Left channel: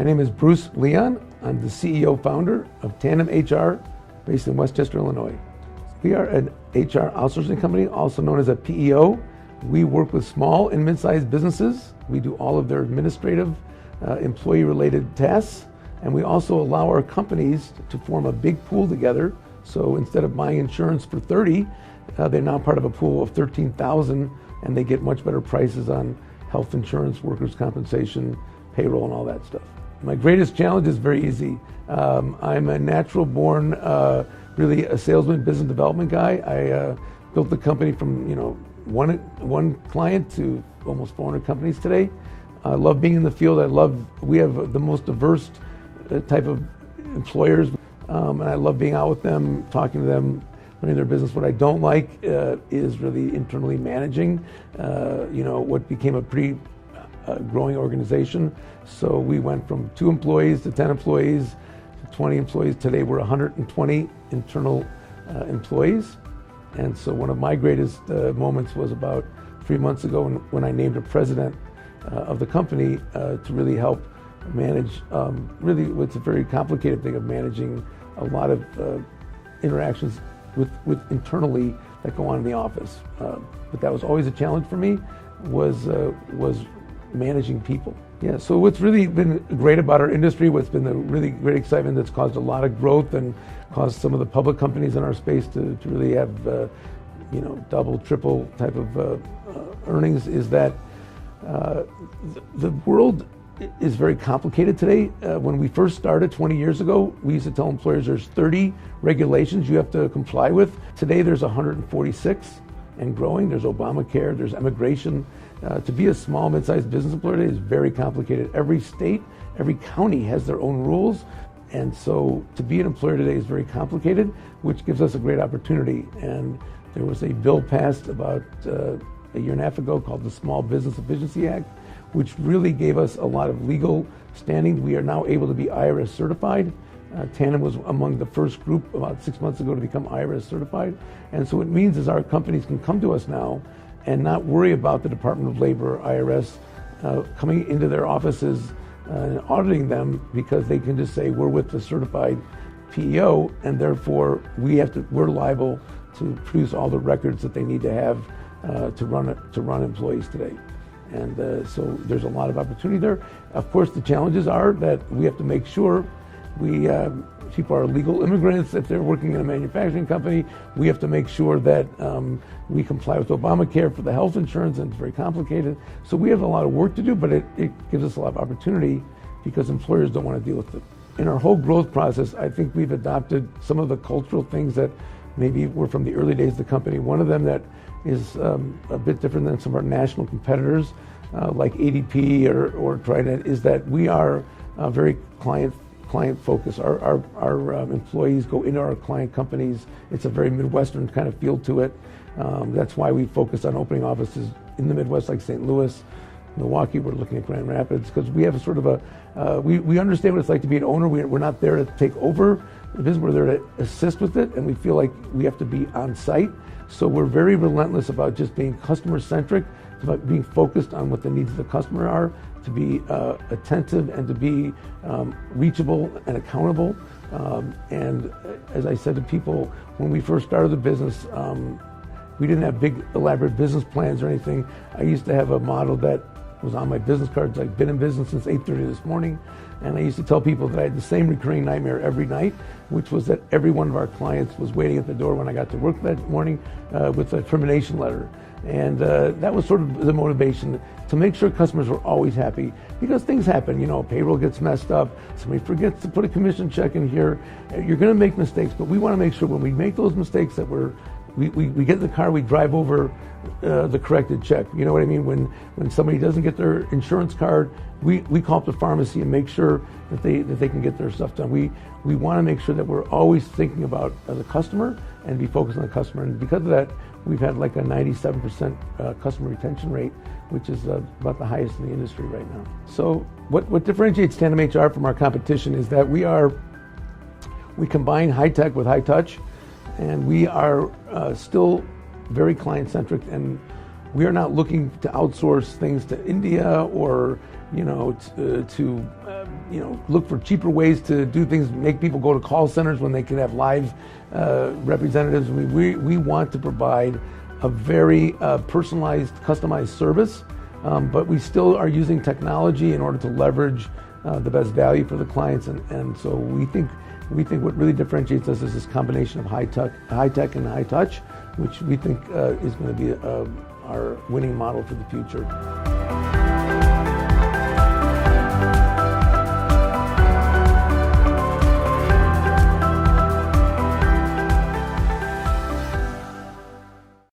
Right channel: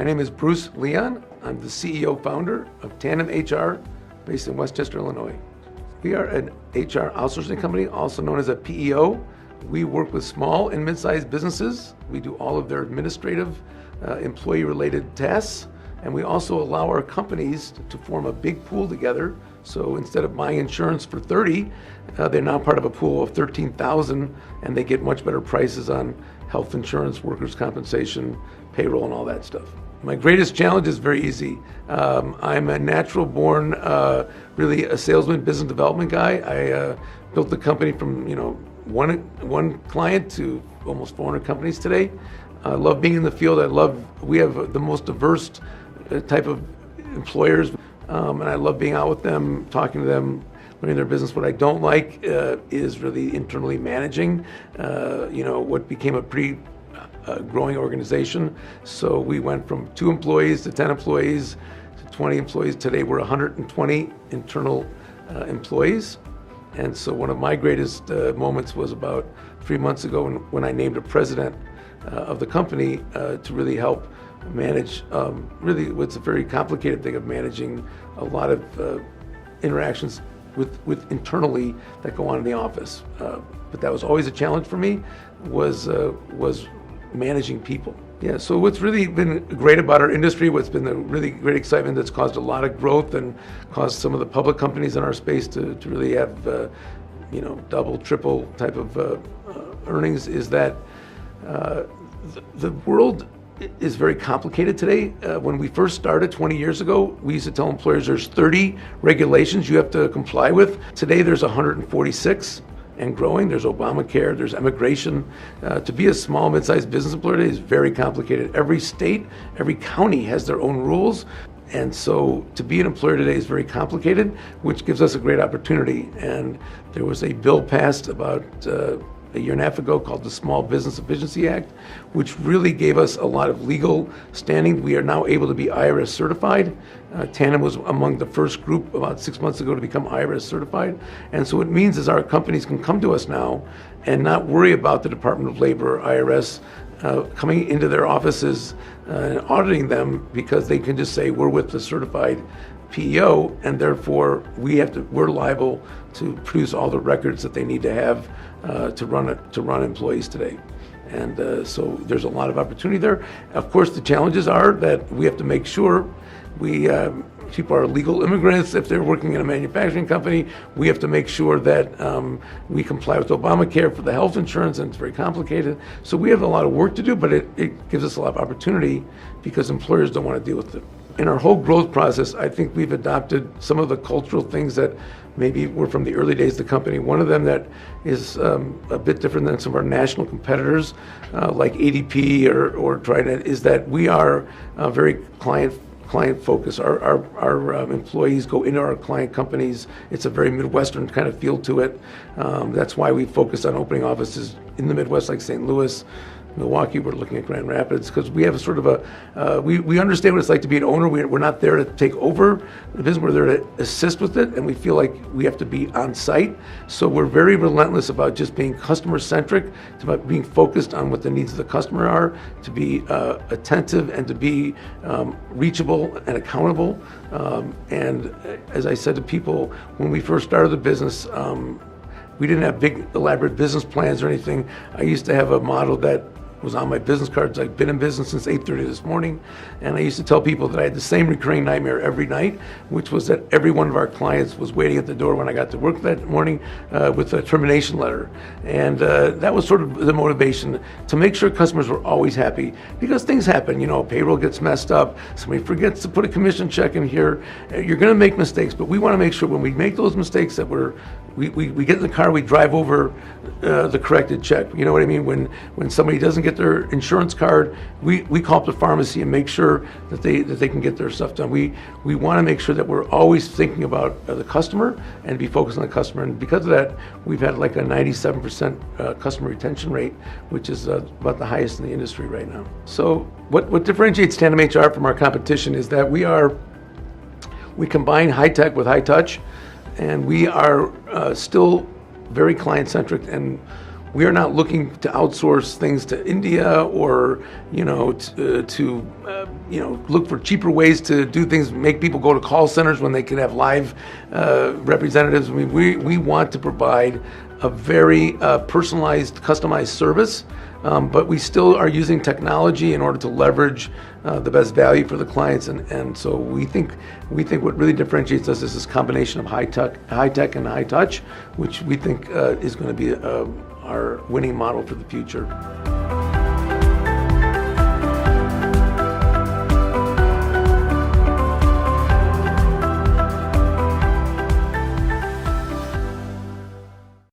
My name is Bruce Leon. I'm the CEO founder of Tandem HR based in Westchester, Illinois. We are an HR outsourcing company, also known as a PEO. We work with small and mid-sized businesses. We do all of their administrative, employee-related tasks, and we also allow our companies to form a big pool together. So instead of buying insurance for 30, they're now part of a pool of 13,000, and they get much better prices on health insurance, workers' compensation, payroll, and all that stuff. My greatest challenge is very easy. I'm a natural born, really a salesman, business development guy. I built the company from one client to almost 400 companies today. I love being in the field. We have the most diverse type of employers, and I love being out with them, talking to them, learning their business. What I don't like is really internally managing, what became a pretty growing organization. So we went from 2 employees to 10 employees to 20 employees. Today we're 120 internal employees. And so one of my greatest moments was about 3 months ago when I named a president of the company to really help manage really what's a very complicated thing of managing a lot of interactions with internally that go on in the office. But that was always a challenge for me, was managing people. Yeah, so what's really been great about our industry, what's been the really great excitement that's caused a lot of growth and caused some of the public companies in our space to really have double, triple type of earnings, is that the world is very complicated today. When we first started 20 years ago, we used to tell employers there's 30 regulations you have to comply with. Today there's 146 and growing. There's Obamacare, there's immigration. To be a small, mid-sized business employer today is very complicated. Every state, every county has their own rules. And so to be an employer today is very complicated, which gives us a great opportunity. And there was a bill passed about a year and a half ago called the Small Business Efficiency Act, which really gave us a lot of legal standing. We are now able to be IRS certified. Tandem was among the first group about 6 months ago to become IRS certified. And so what it means is our companies can come to us now and not worry about the Department of Labor or IRS coming into their offices and auditing them, because they can just say we're with the certified PEO, and therefore we're liable to produce all the records that they need to have to run employees today. And so there's a lot of opportunity there. Of course, the challenges are that we have to make sure people are legal immigrants. If they're working in a manufacturing company, we have to make sure that we comply with Obamacare for the health insurance, and it's very complicated. So we have a lot of work to do, but it gives us a lot of opportunity because employers don't want to deal with it. In our whole growth process, I think we've adopted some of the cultural things that maybe were from the early days of the company. One of them that is a bit different than some of our national competitors, like ADP or Trident, is that we are very client focused. Our employees go into our client companies. It's a very Midwestern kind of feel to it. That's why we focus on opening offices in the Midwest, like St. Louis, Milwaukee. We're looking at Grand Rapids because we have a sort of we understand what it's like to be an owner. We're not there to take over the business. We're there to assist with it, and we feel like we have to be on site. So we're very relentless about just being customer centric. It's about being focused on what the needs of the customer are, to be attentive and to be reachable and accountable. And as I said to people when we first started the business, we didn't have big elaborate business plans or anything. I used to have a model that was on my business cards. I've been in business since 8:30 this morning, and I used to tell people that I had the same recurring nightmare every night, which was that every one of our clients was waiting at the door when I got to work that morning with a termination letter. And that was sort of the motivation to make sure customers were always happy, because things happen. Payroll gets messed up, somebody forgets to put a commission check in here. You're going to make mistakes, but we want to make sure when we make those mistakes that we get in the car, we drive over the corrected check. You know what I mean? When somebody doesn't get their insurance card, we call up the pharmacy and make sure that they can get their stuff done. We want to make sure that we're always thinking about the customer and be focused on the customer. And because of that, we've had like a 97% customer retention rate, which is about the highest in the industry right now. So what differentiates Tandem HR from our competition is that we combine high tech with high touch. And we are still very client-centric, and we are not looking to outsource things to India or to look for cheaper ways to do things, make people go to call centers when they could have live representatives. We want to provide a very personalized, customized service, but we still are using technology in order to leverage the best value for the clients, and so we think what really differentiates us is this combination of high tech and high touch, which we think is going to be our winning model for the future.